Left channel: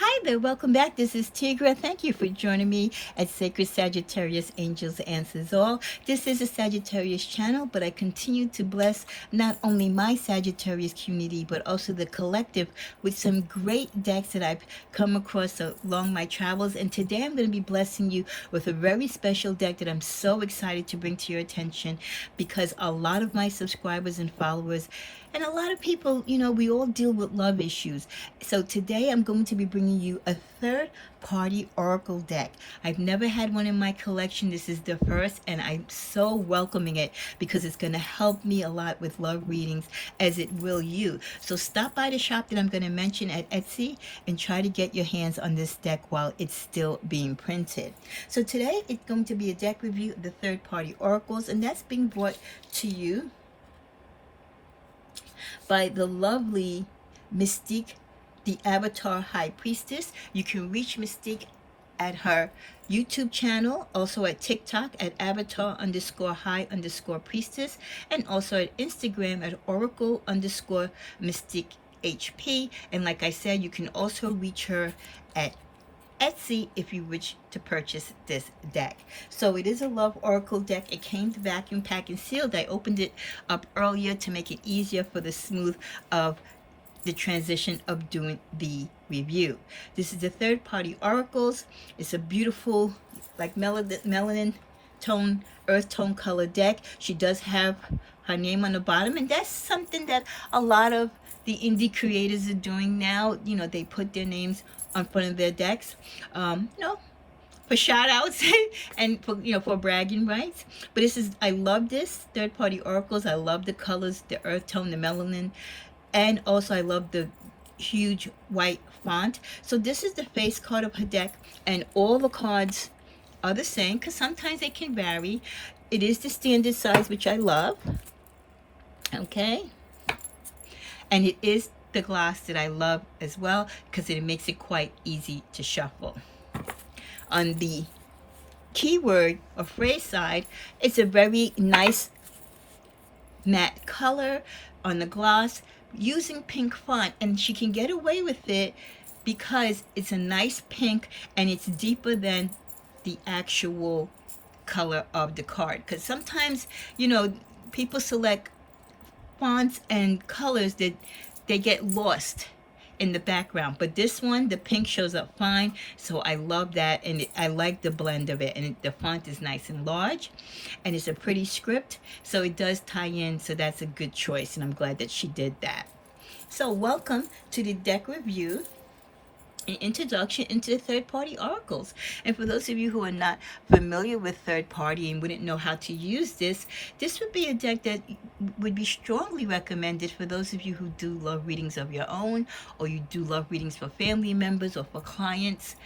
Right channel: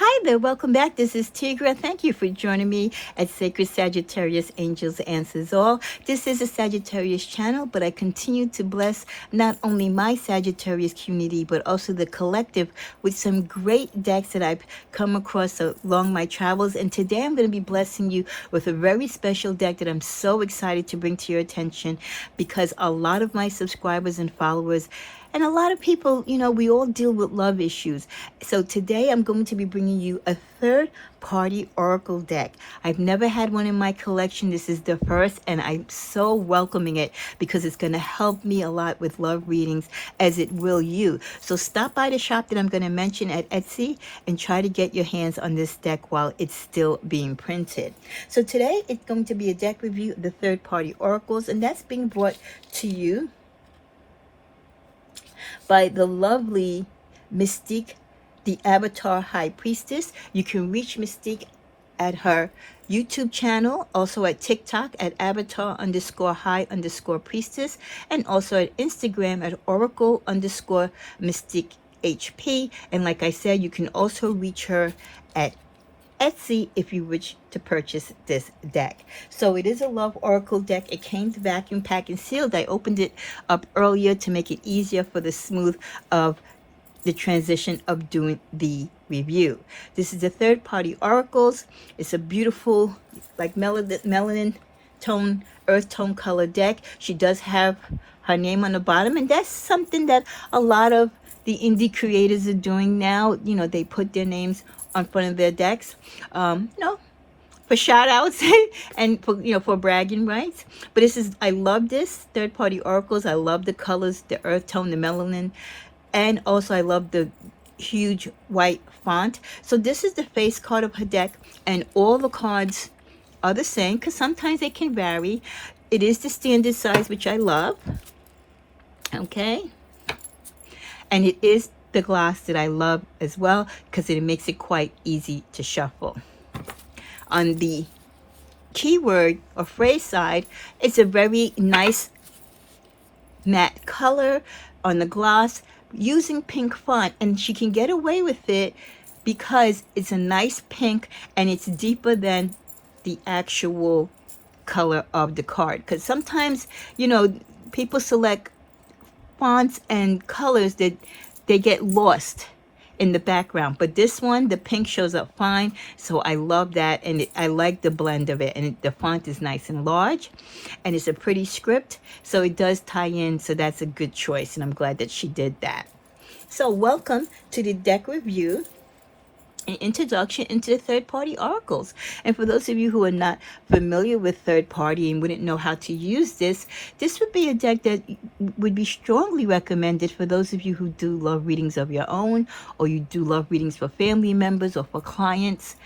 Hi there, welcome back. This is Tigra. Thank you for joining me at Sacred Sagittarius Angels Answers All. This is a Sagittarius channel, but I continue to bless not only my Sagittarius community, but also the collective with some great decks that I've come across along my travels. And today I'm going to be blessing you with a very special deck that I'm so excited to bring to your attention because a lot of my subscribers and followers and a lot of people, we all deal with love issues. So today I'm going to be bringing you a third party oracle deck. I've never had one in my collection. This is the first, and I'm so welcoming it because it's going to help me a lot with love readings, as it will you. So stop by the shop that I'm going to mention at Etsy and try to get your hands on this deck while it's still being printed. So today it's going to be a deck review of the third party oracles, and that's being brought to you by the lovely Mystique, the Avatar High Priestess. You can reach Mystique at her YouTube channel, also at TikTok at avatar_high_priestess, and also at Instagram at oracle_mystique HP. And like I said, you can also reach her at Etsy if you wish to purchase this deck. So it is a love oracle deck. It came vacuum packed and sealed. I opened it up earlier to make it easier for the smooth of the transition of doing the review. This is the third party oracles. It's a beautiful like melanin tone, earth tone color deck. She does have her name on the bottom, and that's something that a lot of the indie creators are doing now. They put their names on front of their decks, for shout outs and for bragging rights. But I love this third party oracles. I love the colors, the earth tone, the melanin, and also I love the huge white font. So this is the face card of her deck, and all the cards are the same because sometimes they can vary. It is the standard size, which I love. Okay. And it is the gloss that I love as well because it makes it quite easy to shuffle. On the keyword or phrase side, it's a very nice matte color on the gloss using pink font, and she can get away with it because it's a nice pink and it's deeper than the actual color of the card. Because sometimes, people select fonts and colors that they get lost in the background, but this one, the pink shows up fine, so I love that. And I like the blend of it, and the font is nice and large, and it's a pretty script, so it does tie in, so that's a good choice, and I'm glad that she did that. So welcome to the deck review, an introduction into the third-party oracles. And for those of you who are not familiar with third-party and wouldn't know how to use this would be a deck that would be strongly recommended for those of you who do love readings of your own, or you do love readings for family members or for clients,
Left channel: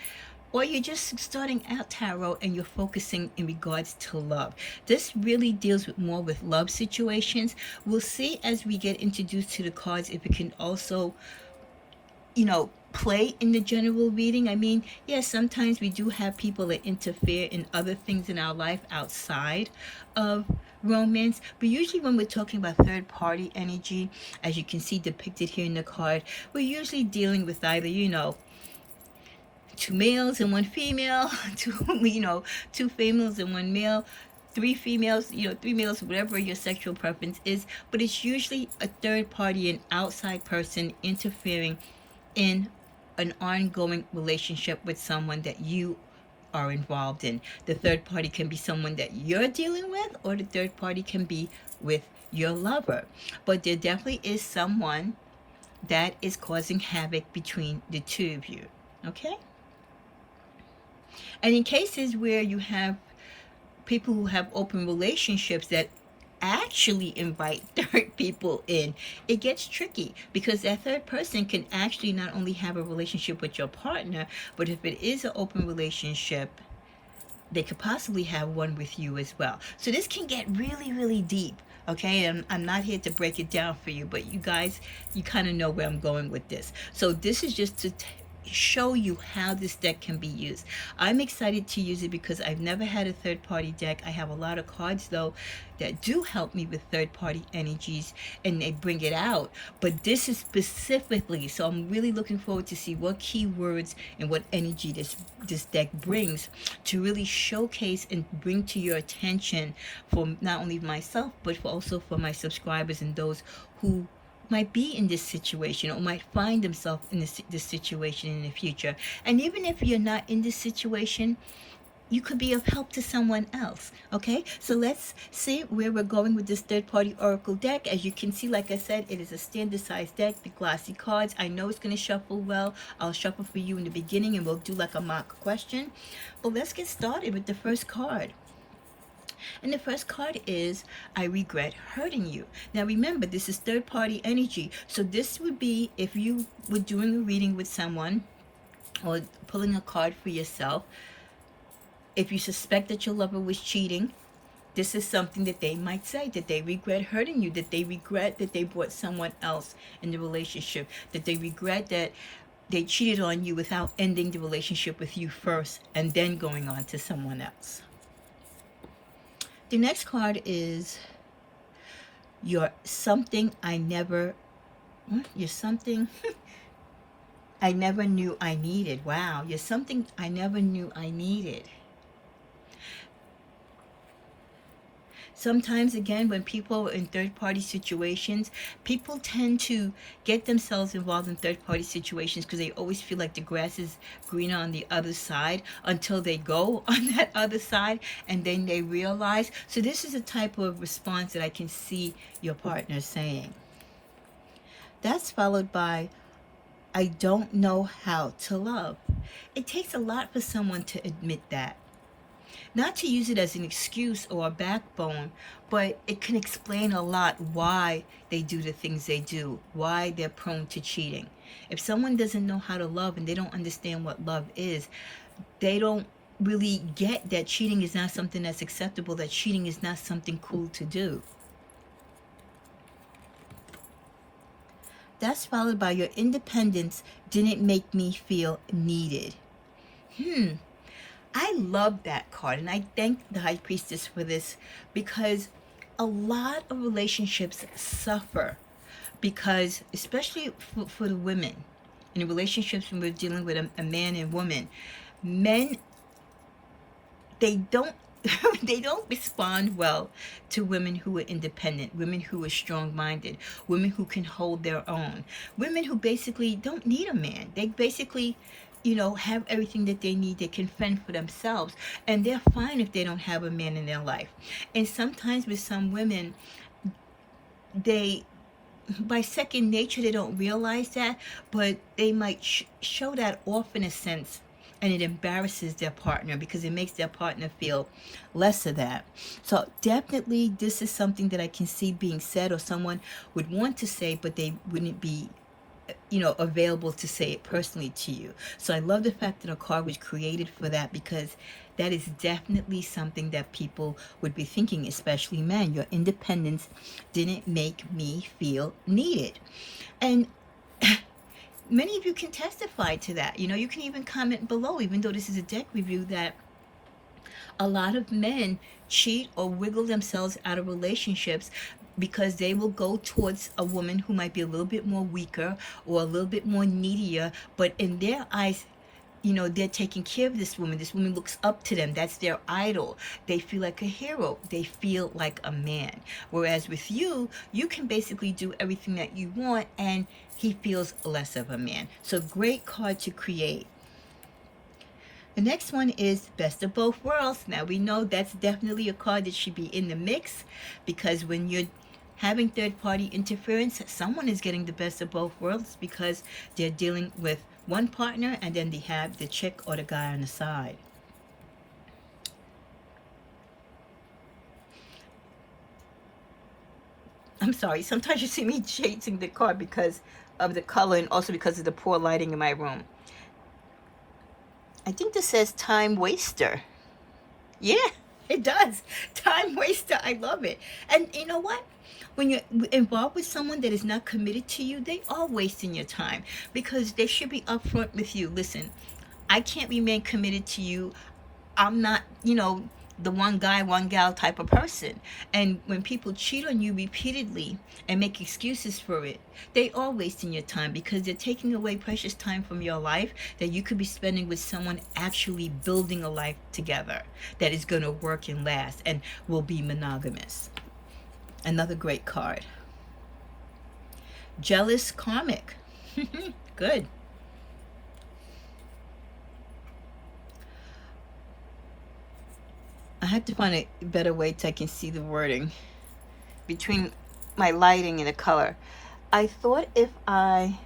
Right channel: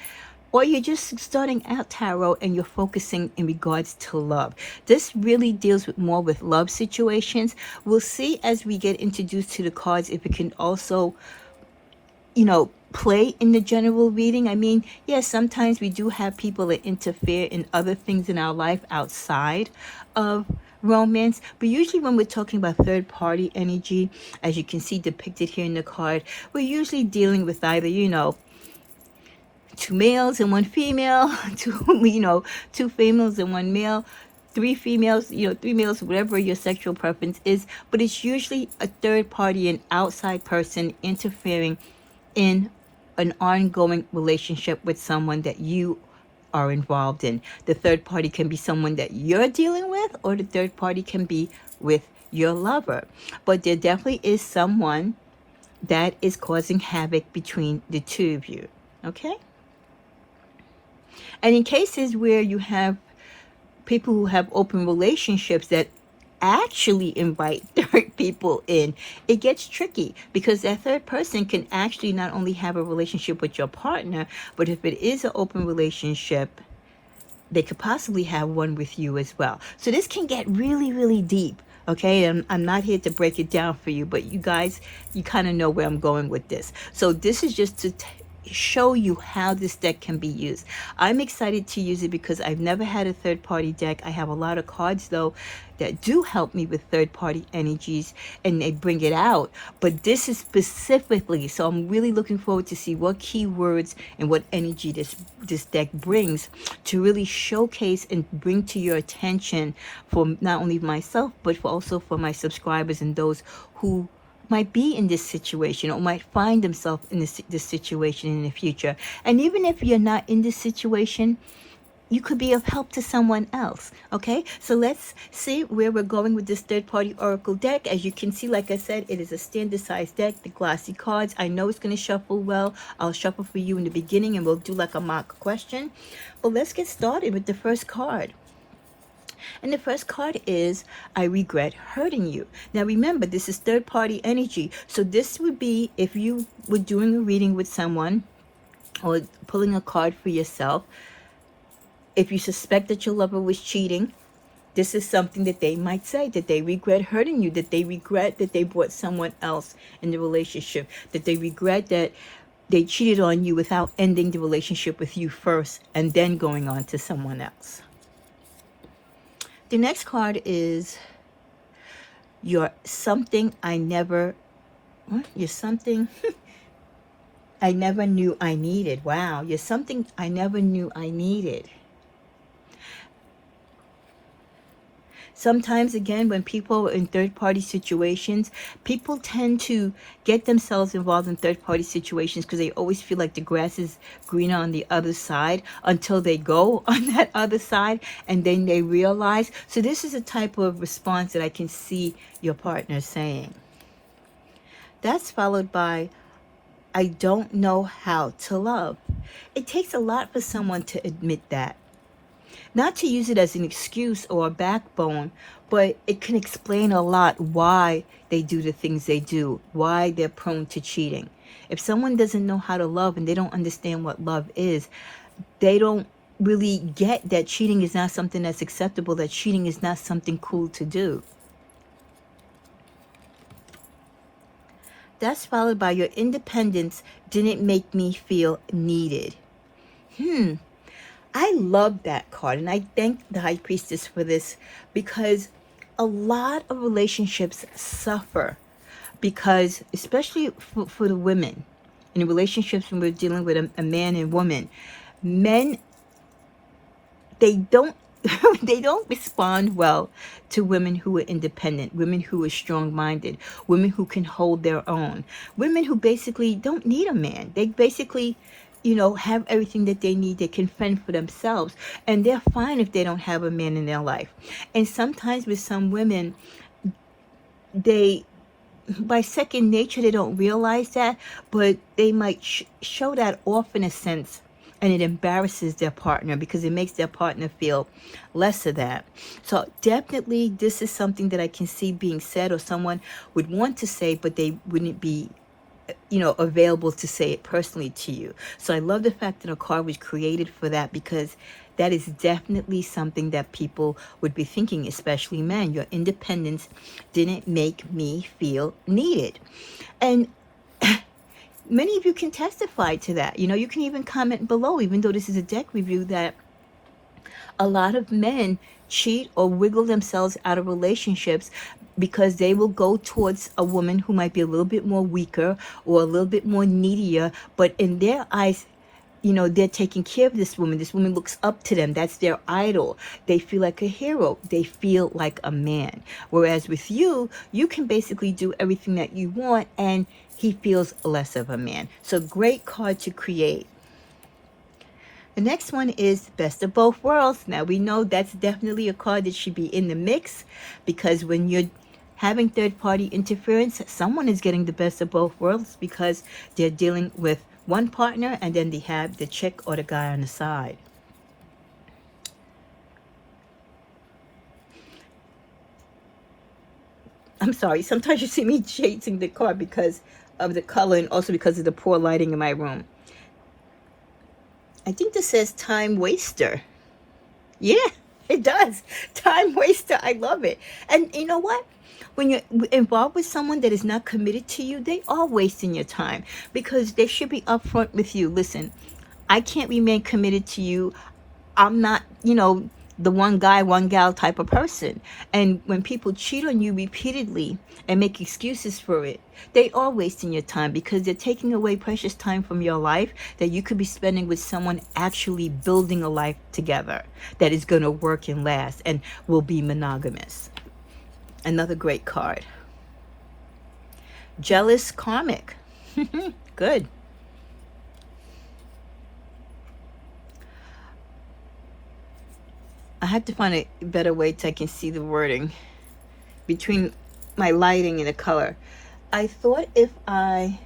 or you're just starting out tarot and you're focusing in regards to love. This really deals more with love situations. We'll see as we get introduced to the cards if it can also play in the general reading. I mean, yes, sometimes we do have people that interfere in other things in our life outside of romance, but usually when we're talking about third party energy, as you can see depicted here in the card, we're usually dealing with either, two males and one female, two females and one male, three females, three males, whatever your sexual preference is, but it's usually a third party, an outside person interfering in an ongoing relationship with someone that you are involved in. The third party can be someone that you're dealing with, or the third party can be with your lover. But there definitely is someone that is causing havoc between the two of you. Okay? And in cases where you have people who have open relationships that actually invite third people in, it gets tricky because that third person can actually not only have a relationship with your partner, but if it is an open relationship, they could possibly have one with you as well. So this can get really, really deep. Okay, I'm not here to break it down for you, but you guys, you kind of know where I'm going with this. So this is just to show you how this deck can be used. I'm excited to use it because I've never had a third party deck. I have a lot of cards though that do help me with third-party energies, and they bring it out. But this is specifically, so I'm really looking forward to see what keywords and what energy this deck brings to really showcase and bring to your attention for not only myself, but also for my subscribers and those who might be in this situation or might find themselves in this situation in the future. And even if you're not in this situation, you could be of help to someone else. Okay, so let's see where we're going with this third-party oracle deck. As you can see, like I said, it is a standard size deck, the glossy cards. I know it's going to shuffle well. I'll shuffle for you in the beginning and we'll do like a mock question. But let's get started with the first card. And the first card is, I regret hurting you. Now remember, this is third-party energy. So this would be if you were doing a reading with someone or pulling a card for yourself. If you suspect that your lover was cheating, this is something that they might say, that they regret hurting you, that they regret that they brought someone else in the relationship, that they regret that they cheated on you without ending the relationship with you first and then going on to someone else. The next card is, you're something I never, what? You're something I never knew I needed. Wow, you're something I never knew I needed. Sometimes, again, when people are in third-party situations, people tend to get themselves involved in third-party situations because they always feel like the grass is greener on the other side until they go on that other side and then they realize. So this is a type of response that I can see your partner saying. That's followed by, I don't know how to love. It takes a lot for someone to admit that. Not to use it as an excuse or a backbone, but it can explain a lot why they do the things they do, why they're prone to cheating. If someone doesn't know how to love and they don't understand what love is, they don't really get that cheating is not something that's acceptable, that cheating is not something cool to do. That's followed by, your independence didn't make me feel needed. I love that card, and I thank the High Priestess for this, because a lot of relationships suffer because, especially for the women, in the relationships when we're dealing with a man and woman, men, they don't they don't respond well to women who are independent, women who are strong-minded, women who can hold their own, women who basically don't need a man. They basically, you know, have everything that they need. They can fend for themselves, and they're fine if they don't have a man in their life. And sometimes with some women, they, by second nature, they don't realize that, but they might show that off in a sense, and it embarrasses their partner because it makes their partner feel less of that. So definitely this is something that I can see being said, or someone would want to say, but they wouldn't be, you know, available to say it personally to you. So I love the fact that a card was created for that, because that is definitely something that people would be thinking, especially men. Your independence didn't make me feel needed. And many of you can testify to that. You know, you can even comment below, even though this is a deck review, that a lot of men cheat or wiggle themselves out of relationships because they will go towards a woman who might be a little bit more weaker or a little bit more needier, but in their eyes, you know, they're taking care of this woman. This woman looks up to them. That's their idol. They feel like a hero. They feel like a man. Whereas with you, you can basically do everything that you want, and he feels less of a man. So great card to create. The next one is Best of Both Worlds. Now we know that's definitely a card that should be in the mix, because when you're having third-party interference, someone is getting the best of both worlds, because they're dealing with one partner and then they have the chick or the guy on the side. I'm sorry, sometimes you see me chasing the card because of the color and also because of the poor lighting in my room. I think this says time waster. Yeah, it does. Time waster. I love it. And you know what? When you're involved with someone that is not committed to you, they are wasting your time, because they should be upfront with you. Listen, I can't remain committed to you. I'm not, you know, the one guy, one gal type of person. And when people cheat on you repeatedly and make excuses for it, they are wasting your time, because they're taking away precious time from your life that you could be spending with someone actually building a life together that is going to work and last and will be monogamous. Another great card. Jealous karmic. Good. I have to find a better way so I can see the wording between my lighting and the color. I thought if I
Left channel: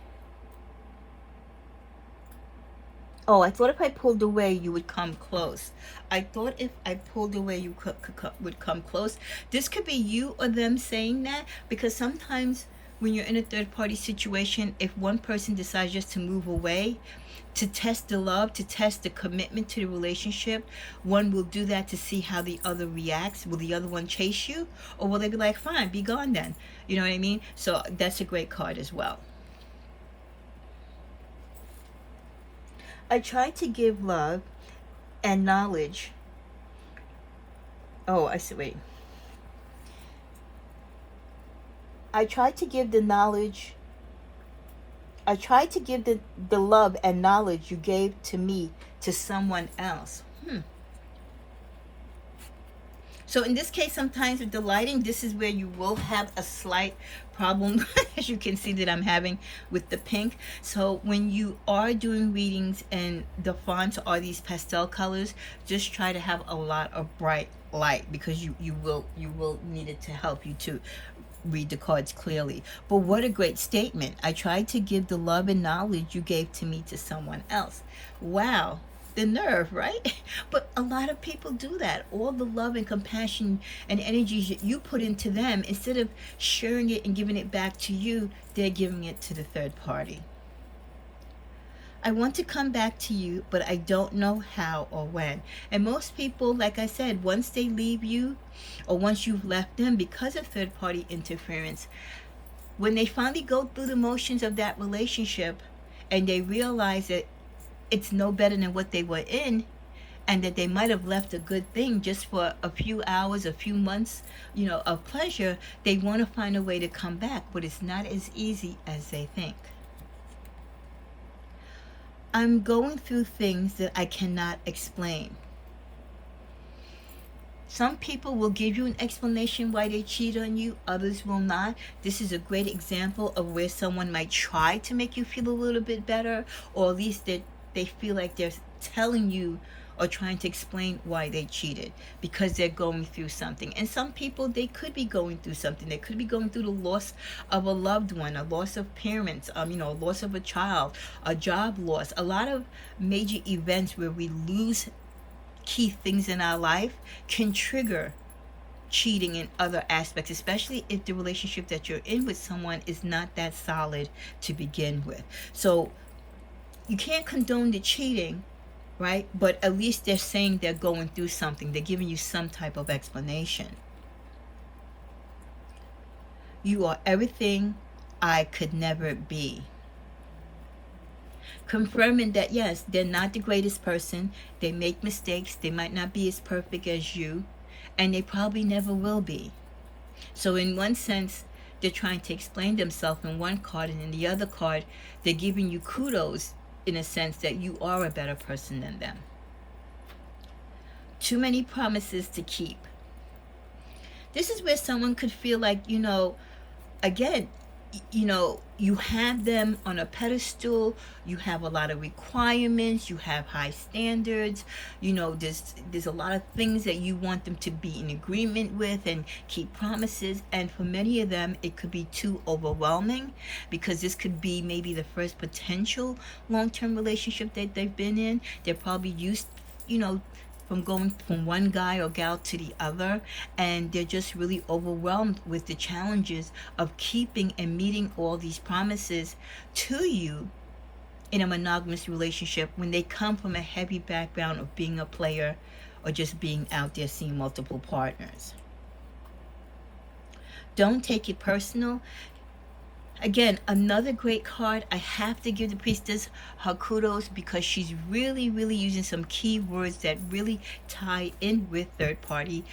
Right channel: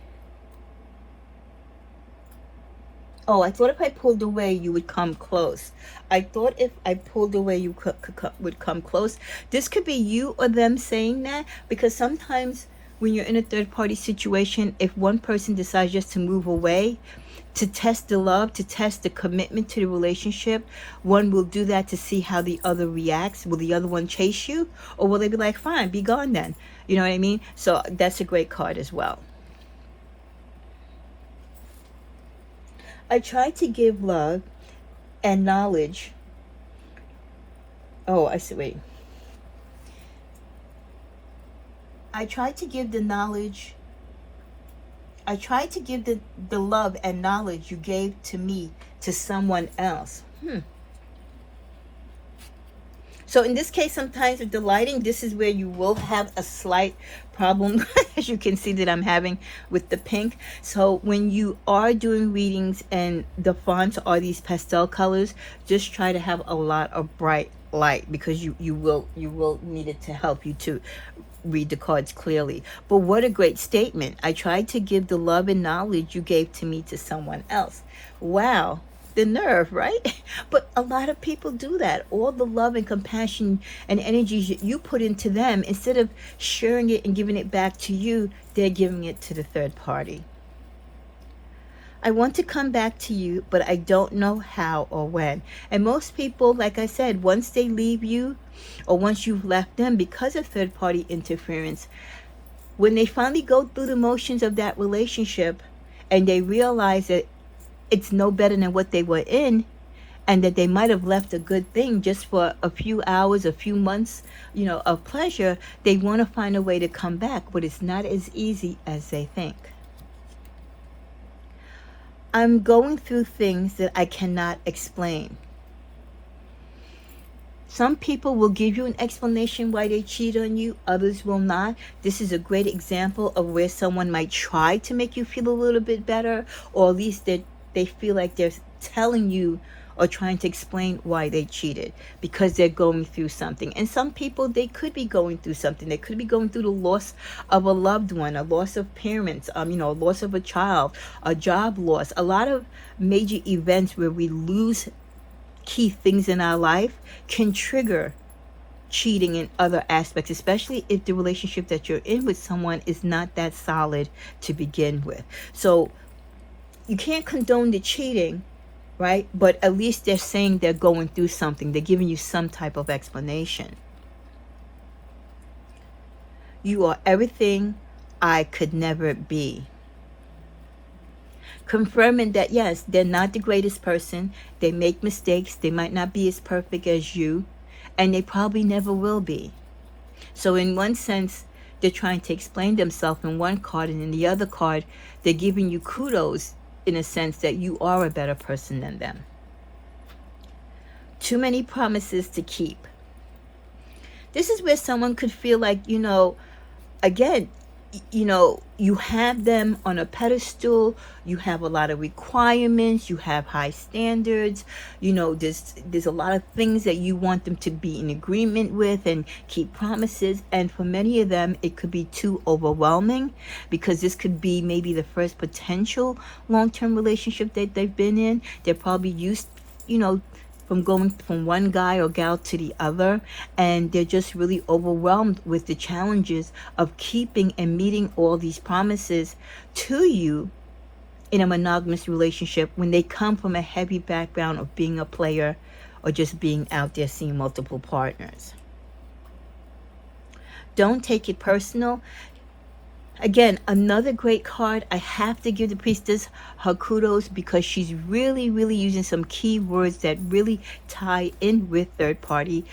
pulled away, you would come close. I thought if I pulled away, you would come close. This could be you or them saying that, because sometimes when you're in a third party situation, if one person decides just to move away, to test the love, to test the commitment to the relationship, one will do that to see how the other reacts. Will the other one chase you? Or will they be like, fine, be gone then? You know what I mean? So that's a great card as well. I try to give love and knowledge. Oh, I see, wait. I try to give the knowledge. I tried to give the love and knowledge you gave to me to someone else. So in this case, sometimes with the lighting, this is where you will have a slight problem, as you can see that I'm having with the pink. So when you are doing readings and the fonts are these pastel colors, just try to have a lot of bright light, because you will need it to help you to read the cards clearly. But what a great statement. I tried to give the love and knowledge you gave to me to someone else. Wow, the nerve, right? But a lot of people do that. All the love and compassion and energies you put into them, instead of sharing it and giving it back to you, they're giving it to the third party. I want to come back to you, but I don't know how or when. And most people, like I said, once they leave you, or once you've left them because of third party interference, when they finally go through the motions of that relationship and they realize that it's no better than what they were in, and that they might have left a good thing just for a few hours, a few months, of pleasure, they want to find a way to come back, but it's not as easy as they think. I'm going through things that I cannot explain. Some people will give you an explanation why they cheat on you, others will not. This is a great example of where someone might try to make you feel a little bit better, or at least that they feel like they're telling you or trying to explain why they cheated, because they're going through something. And some people, they could be going through something. They could be going through the loss of a loved one, a loss of parents, loss of a child, a job loss. A lot of major events where we lose key things in our life can trigger cheating in other aspects, especially if the relationship that you're in with someone is not that solid to begin with. So you can't condone the cheating, right? But at least they're saying they're going through something. They're giving you some type of explanation. You are everything I could never be. Confirming that, yes, they're not the greatest person. They make mistakes. They might not be as perfect as you, and they probably never will be. So in one sense, they're trying to explain themselves in one card, and in the other card, they're giving you kudos in a sense that you are a better person than them. Too many promises to keep. This is where someone could feel like, again, you have them on a pedestal, you have a lot of requirements, you have high standards, there's a lot of things that you want them to be in agreement with and keep promises. And for many of them, it could be too overwhelming, because this could be maybe the first potential long-term relationship that they've been in. They're probably used, from going from one guy or gal to the other, and they're just really overwhelmed with the challenges of keeping and meeting all these promises to you in a monogamous relationship, when they come from a heavy background of being a player or just being out there seeing multiple partners. Don't take it personal. Again, another great card. I have to give the Priestess her kudos because she's really, really using some key words that really tie in with third-party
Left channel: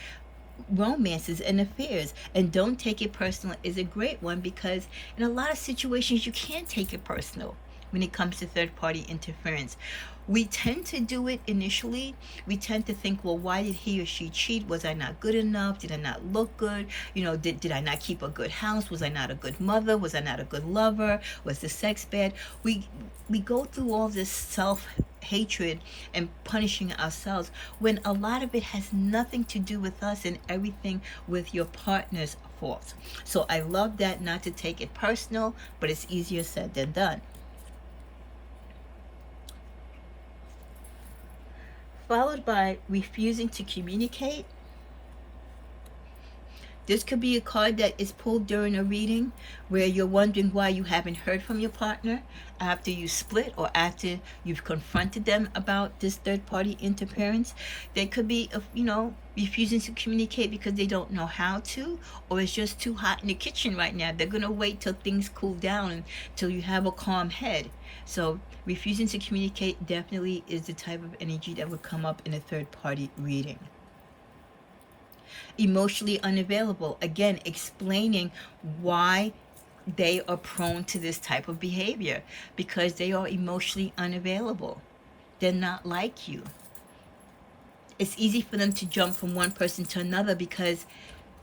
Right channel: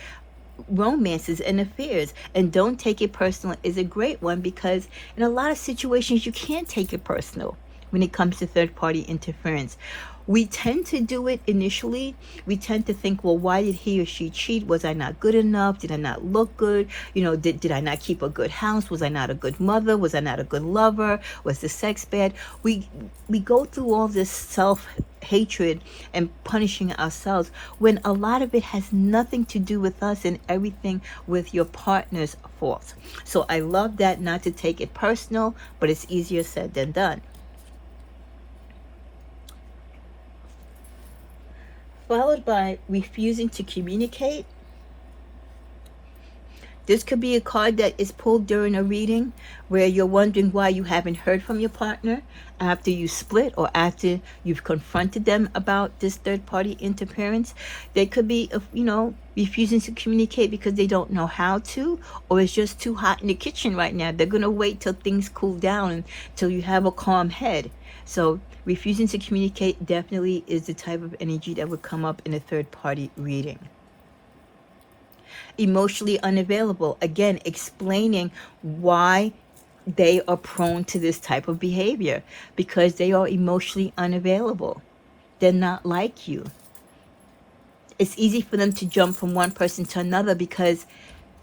romances and affairs. And don't take it personal is a great one, because in a lot of situations you can't take it personal when it comes to third-party interference. We tend to do it initially. We tend to think, well, why did he or she cheat? Was I not good enough? Did I not look good? You know, did I not keep a good house? Was I not a good mother? Was I not a good lover? Was the sex bad? We go through all this self-hatred and punishing ourselves when a lot of it has nothing to do with us and everything with your partner's fault. So I love that, not to take it personal, but it's easier said than done. Followed by refusing to communicate. This could be a card that is pulled during a reading where you're wondering why you haven't heard from your partner after you split or after you've confronted them about this third-party interference. They could be, you know, refusing to communicate because they don't know how to, or it's just too hot in the kitchen right now. They're going to wait till things cool down, until you have a calm head. So refusing to communicate definitely is the type of energy that would come up in a third-party reading. Emotionally unavailable. Again, explaining why they are prone to this type of behavior, because they are emotionally unavailable. They're not like you. It's easy for them to jump from one person to another because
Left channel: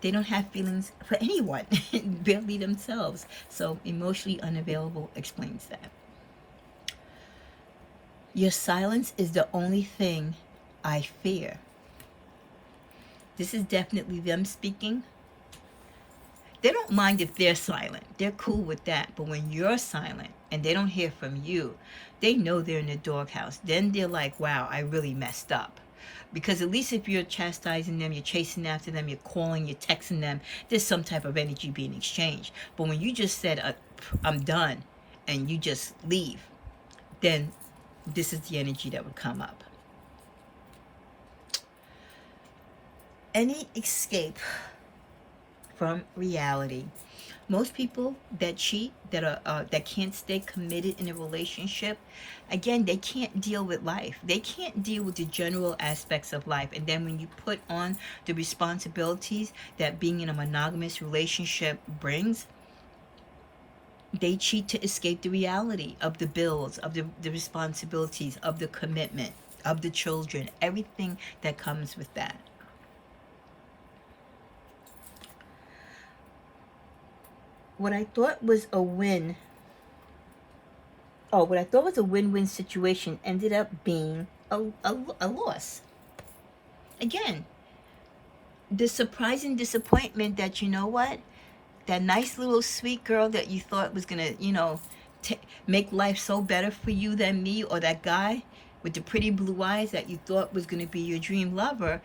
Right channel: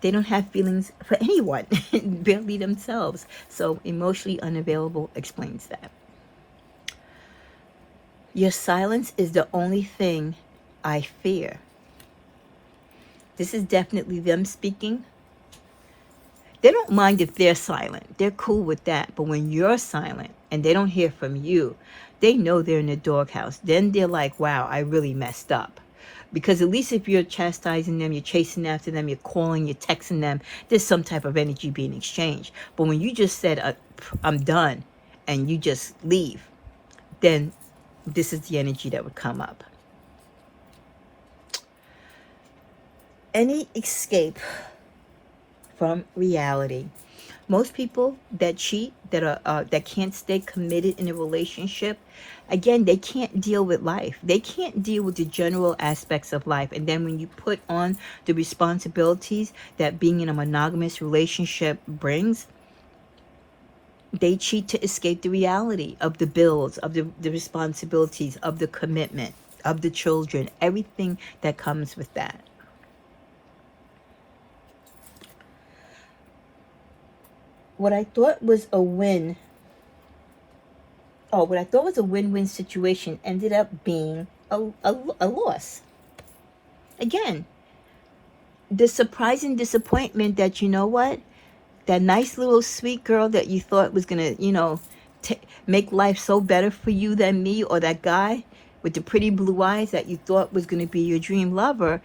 they don't have feelings for anyone, barely themselves. So emotionally unavailable explains that. Your silence is the only thing I fear. This is definitely them speaking. They don't mind if they're silent. They're cool with that. But when you're silent and they don't hear from you, they know they're in the doghouse. Then they're like, wow, I really messed up. Because at least if you're chastising them, you're chasing after them, you're calling, you're texting them, there's some type of energy being exchanged. But when you just said, I'm done, and you just leave, then this is the energy that would come up. Any escape from reality. Most people that cheat, that can't stay committed in a relationship, again, they can't deal with life. They can't deal with the general aspects of life. And then when you put on the responsibilities that being in a monogamous relationship brings, they cheat to escape the reality of the bills, of the responsibilities, of the commitment, of the children, everything that comes with that. What I thought was a win, what I thought was a win-win situation ended up being a loss. Again, the surprising disappointment that, you know what, that nice little sweet girl that you thought was going to, you know, make life so better for you than me, or that guy with the pretty blue eyes that you thought was going to be your dream lover.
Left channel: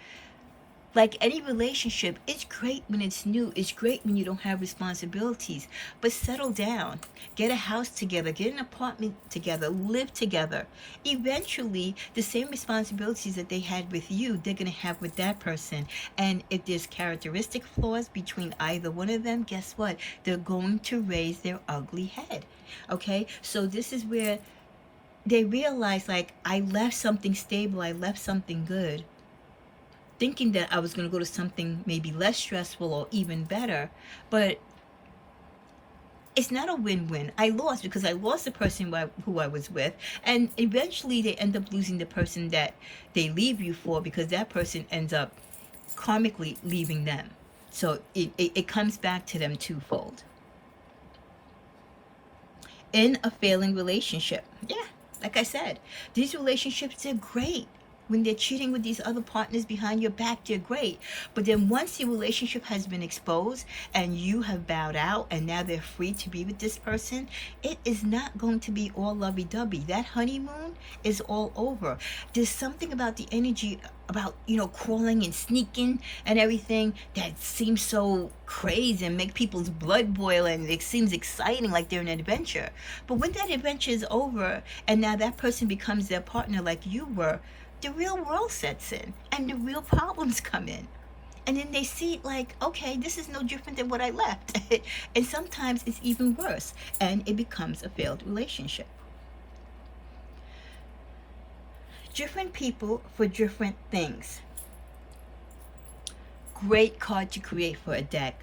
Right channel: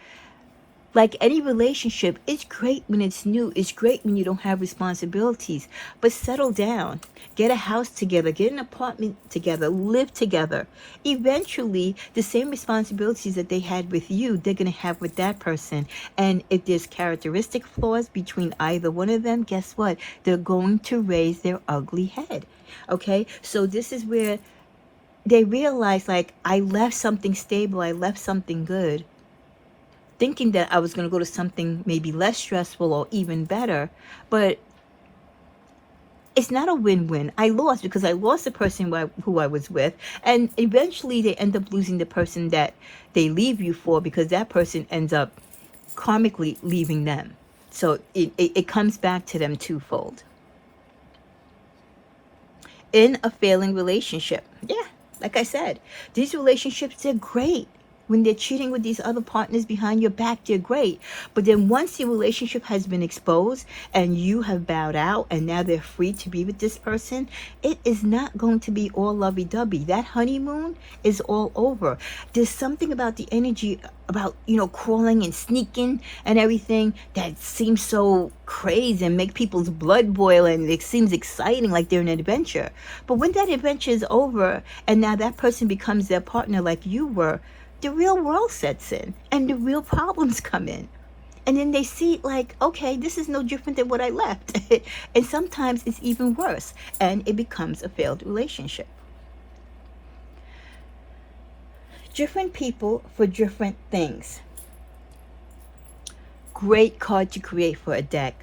Like any relationship, it's great when it's new. It's great when you don't have responsibilities. But settle down. Get a house together. Get an apartment together. Live together. Eventually, the same responsibilities that they had with you, they're going to have with that person. And if there's characteristic flaws between either one of them, guess what? They're going to raise their ugly head. Okay? So this is where they realize, like, I left something stable. I left something good, thinking that I was going to go to something maybe less stressful or even better. But it's not a win-win. I lost because I lost the person who I was with. And eventually they end up losing the person that they leave you for, because that person ends up karmically leaving them. So it comes back to them twofold. In a failing relationship. Yeah, like I said, these relationships, they're great. When they're cheating with these other partners behind your back, they're great. But then once your relationship has been exposed and you have bowed out and now they're free to be with this person, it is not going to be all lovey-dovey. That honeymoon is all over. There's something about the energy about, you know, crawling and sneaking and everything that seems so crazy and make people's blood boil, and it seems exciting, like they're in an adventure. But when that adventure is over and now that person becomes their partner like you were, the real world sets in and the real problems come in. And then they see like, okay, this is no different than what I left. And sometimes it's even worse, and it becomes a failed relationship. Different people for different things. Great card to create for a deck.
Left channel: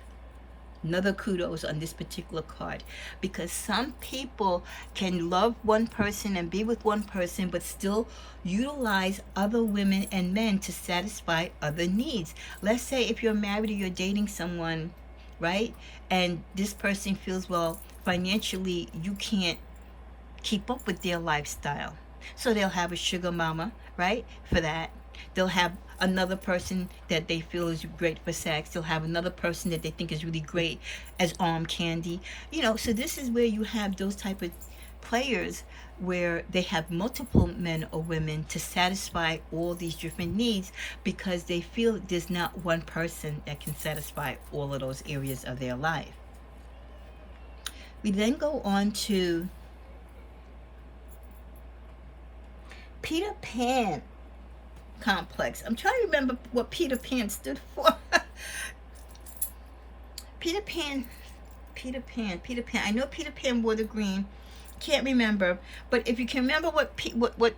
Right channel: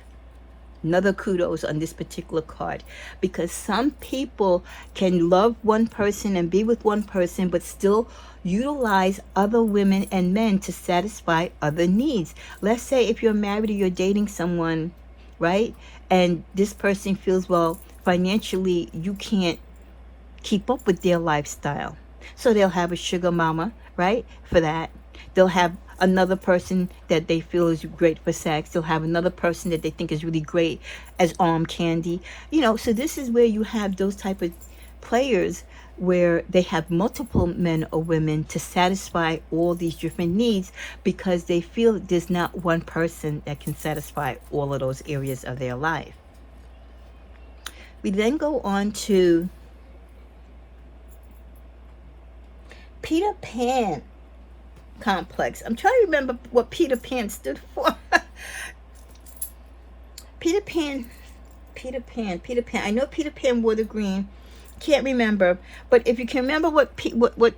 Another kudos on this particular card, because some people can love one person and be with one person but still utilize other women and men to satisfy other needs. Let's say if you're married or you're dating someone, right, and this person feels, well, financially you can't keep up with their lifestyle, so they'll have a sugar mama, right, for that. They'll have another person that they feel is great for sex. They'll have another person that they think is really great as arm candy. You know, so this is where you have those type of players where they have multiple men or women to satisfy all these different needs, because they feel there's not one person that can satisfy all of those areas of their life. We then go on to Peter Pan complex. I'm trying to remember what Peter Pan stood for. Peter Pan. I know Peter Pan wore the green. Can't remember. But if you can remember what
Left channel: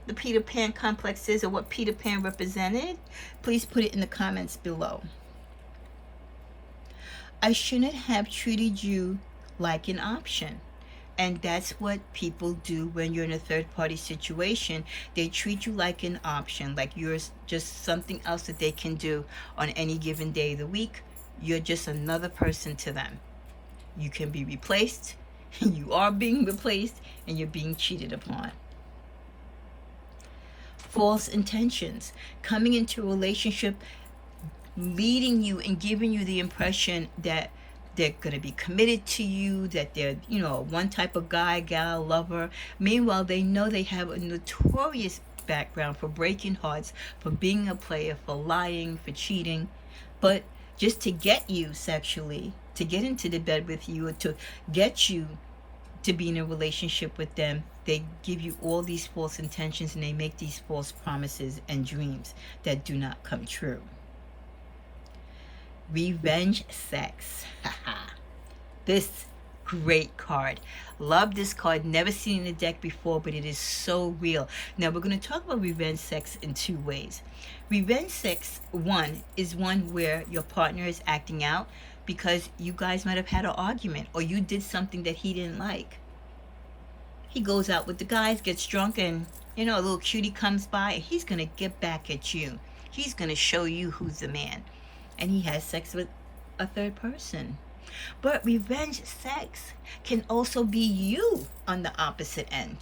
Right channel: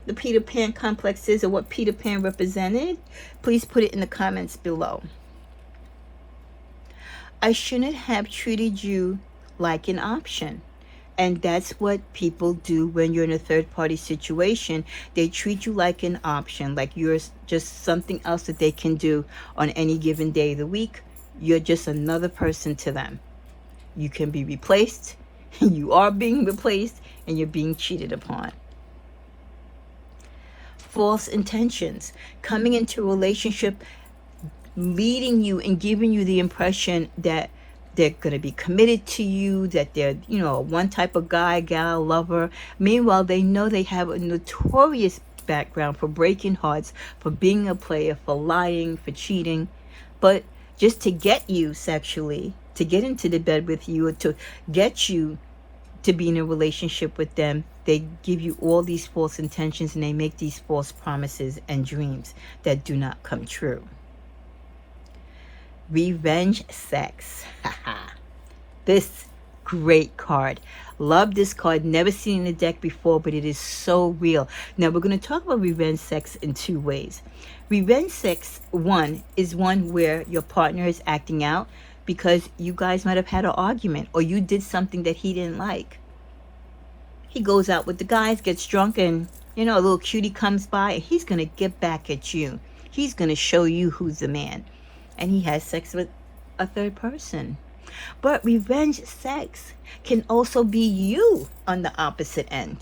the Peter Pan complex is, or what Peter Pan represented, please put it in the comments below. I shouldn't have treated you like an option. And that's what people do when you're in a third-party situation. They treat you like an option, like you're just something else that they can do on any given day of the week. You're just another person to them. You can be replaced, you are being replaced, and you're being cheated upon. False intentions. Coming into a relationship, leading you and giving you the impression that they're going to be committed to you, that they're, you know, one type of guy, gal, lover. Meanwhile, they know they have a notorious background for breaking hearts, for being a player, for lying, for cheating. But just to get you sexually, to get into the bed with you, or to get you to be in a relationship with them, they give you all these false intentions, and they make these false promises and dreams that do not come true. Revenge sex. This great card. Love this card. Never seen in the deck before, but it is so real. Now we're going to talk about revenge sex in two ways. Revenge sex, one, is one where your partner is acting out because you guys might have had an argument, or you did something that he didn't like. He goes out with the guys, gets drunk, and, you know, a little cutie comes by, and he's going to get back at you. He's going to show you who's the man. And he has sex with a third person. But revenge sex can also be you on the opposite end,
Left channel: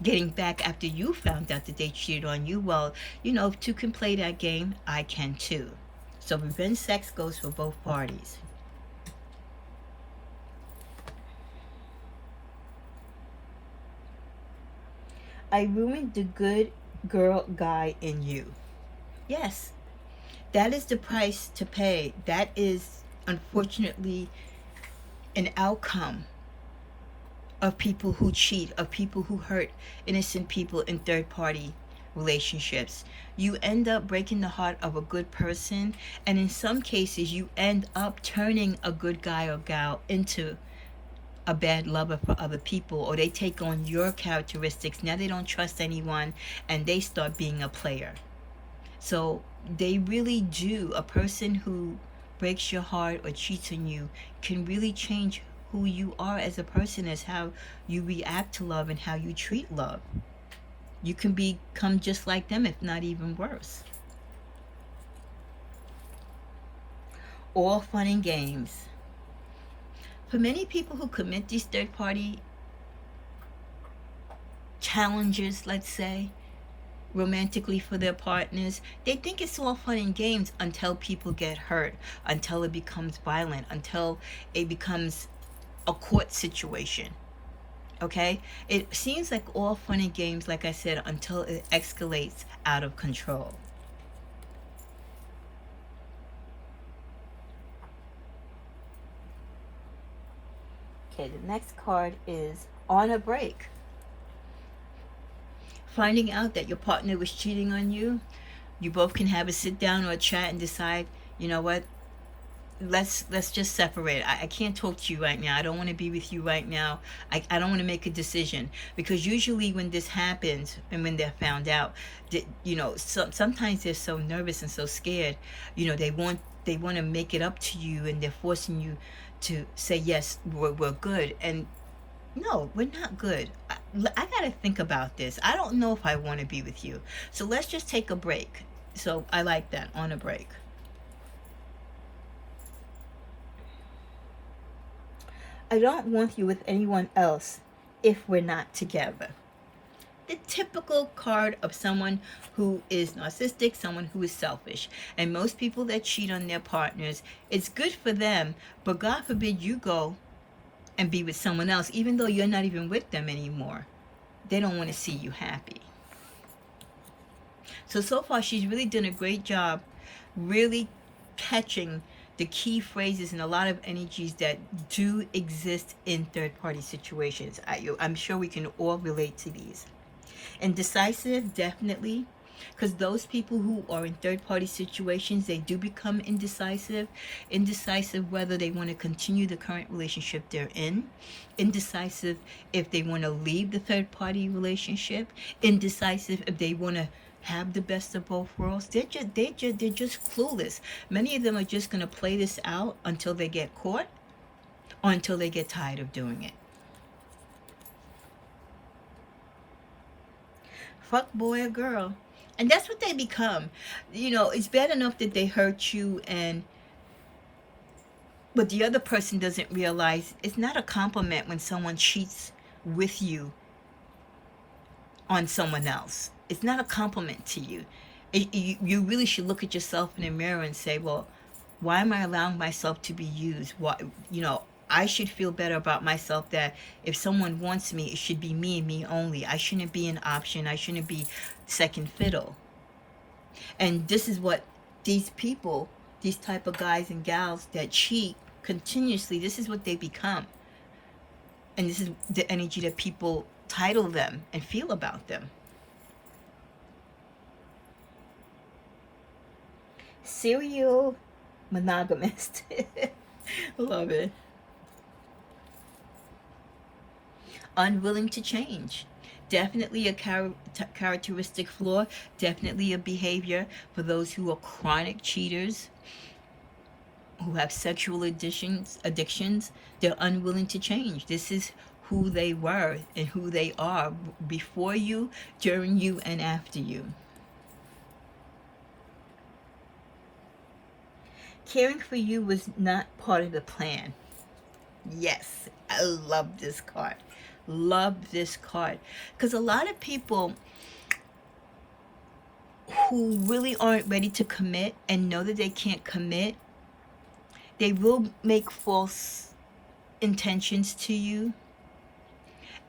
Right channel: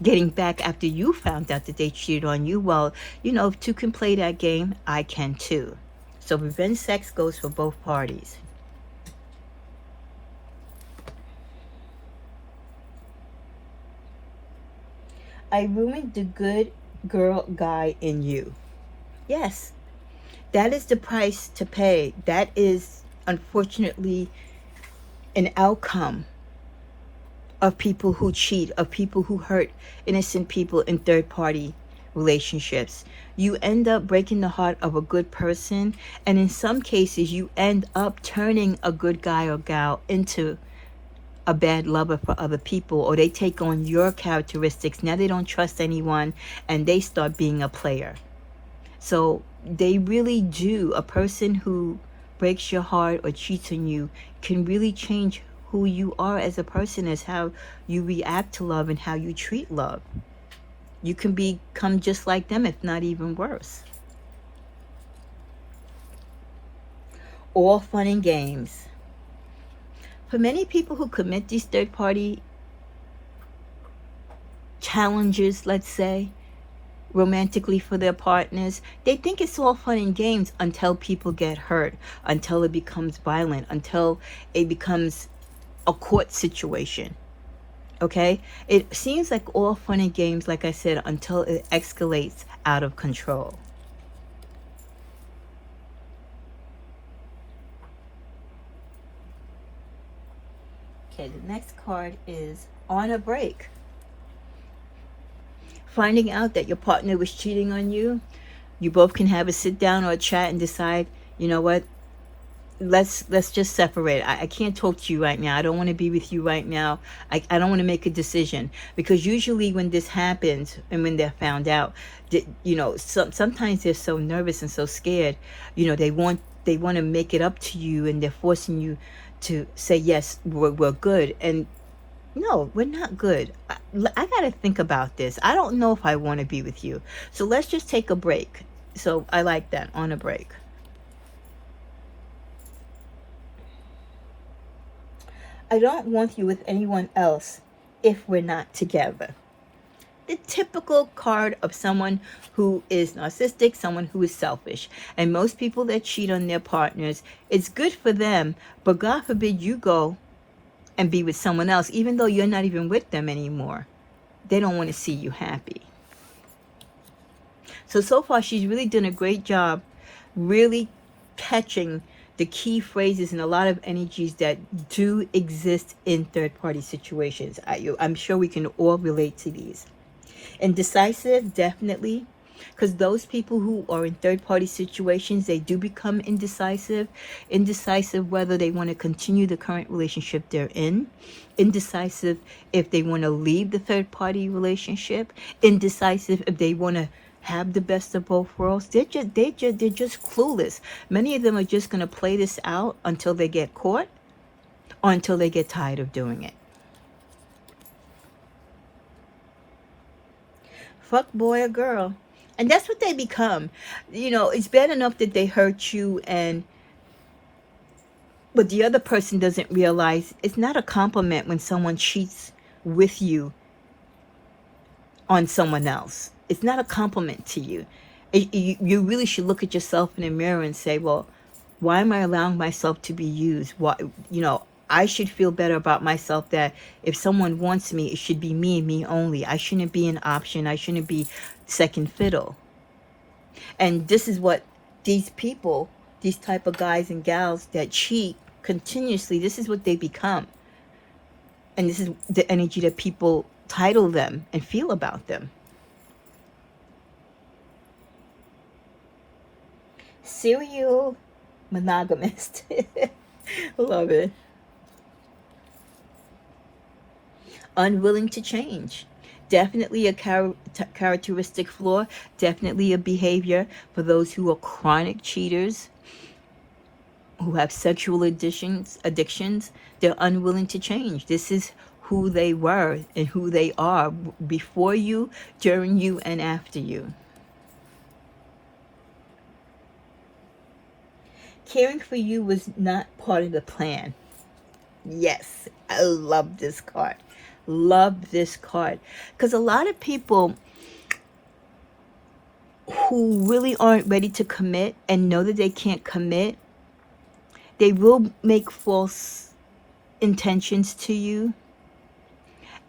getting back after you found out that they cheated on you. Well, you know, if two can play that game, I can too. So revenge sex goes for both parties. I ruined the good girl guy in you. Yes. That is the price to pay. That is, unfortunately, an outcome of people who cheat, of people who hurt innocent people in third-party relationships. You end up breaking the heart of a good person, and in some cases, you end up turning a good guy or gal into a bad lover for other people, or they take on your characteristics. Now they don't trust anyone, and they start being a player. So they really do. A person who breaks your heart or cheats on you can really change who you are as a person, as how you react to love and how you treat love. You can become just like them, if not even worse. All fun and games. For many people who commit these third-party challenges, let's say, romantically for their partners, they think it's all fun and games until people get hurt, until it becomes violent, until it becomes a court situation. Okay? It seems like all fun and games, like I said, until it escalates out of control. Okay, the next card is on a break. Finding out that your partner was cheating on you, you both can have a sit down or a chat and decide you know what, let's just separate. I can't talk to you right now. I don't want to be with you right now. I don't want to make a decision. Because usually when this happens and when they're found out, you know, sometimes they're so nervous and so scared, you know, they want to make it up to you, and they're forcing you to say, yes, we're good. And no, we're not good. I got to think about this. I don't know if I want to be with you. So let's just take a break. So I like that, on a break. I don't want you with anyone else if we're not together. The typical card of someone who is narcissistic, someone who is selfish. And most people that cheat on their partners, it's good for them, but God forbid you go and be with someone else, even though you're not even with them anymore. They don't want to see you happy. So far, she's really done a great job really catching the key phrases and a lot of energies that do exist in third-party situations. I'm sure we can all relate to these. And decisive, definitely, because those people who are in third-party situations, they do become indecisive. Indecisive whether they want to continue the current relationship they're in. Indecisive if they want to leave the third-party relationship. Indecisive if they want to have the best of both worlds. They're just clueless. Many of them are just going to play this out until they get caught or until they get tired of doing it. Fuck boy or girl. And that's what they become. You know, it's bad enough that they hurt you, but the other person doesn't realize it's not a compliment when someone cheats with you on someone else. It's not a compliment to you. You really should look at yourself in the mirror and say, well, why am I allowing myself to be used? Why, you know, I should feel better about myself, that if someone wants me, it should be me and me only. I shouldn't be an option. I shouldn't be second fiddle. And this is what these people, these type of guys and gals that cheat continuously, this is what they become. And this is the energy that people title them and feel about them. Serial monogamist. Love it. Unwilling to change. Definitely a characteristic flaw. Definitely a behavior for those who are chronic cheaters, who have sexual addictions. They're unwilling to change. This is who they were and who they are before you, during you, and after you. Caring for you was not part of the plan. Yes, I love this card. Love this card. Because a lot of people who really aren't ready to commit and know that they can't commit, they will make false intentions to you.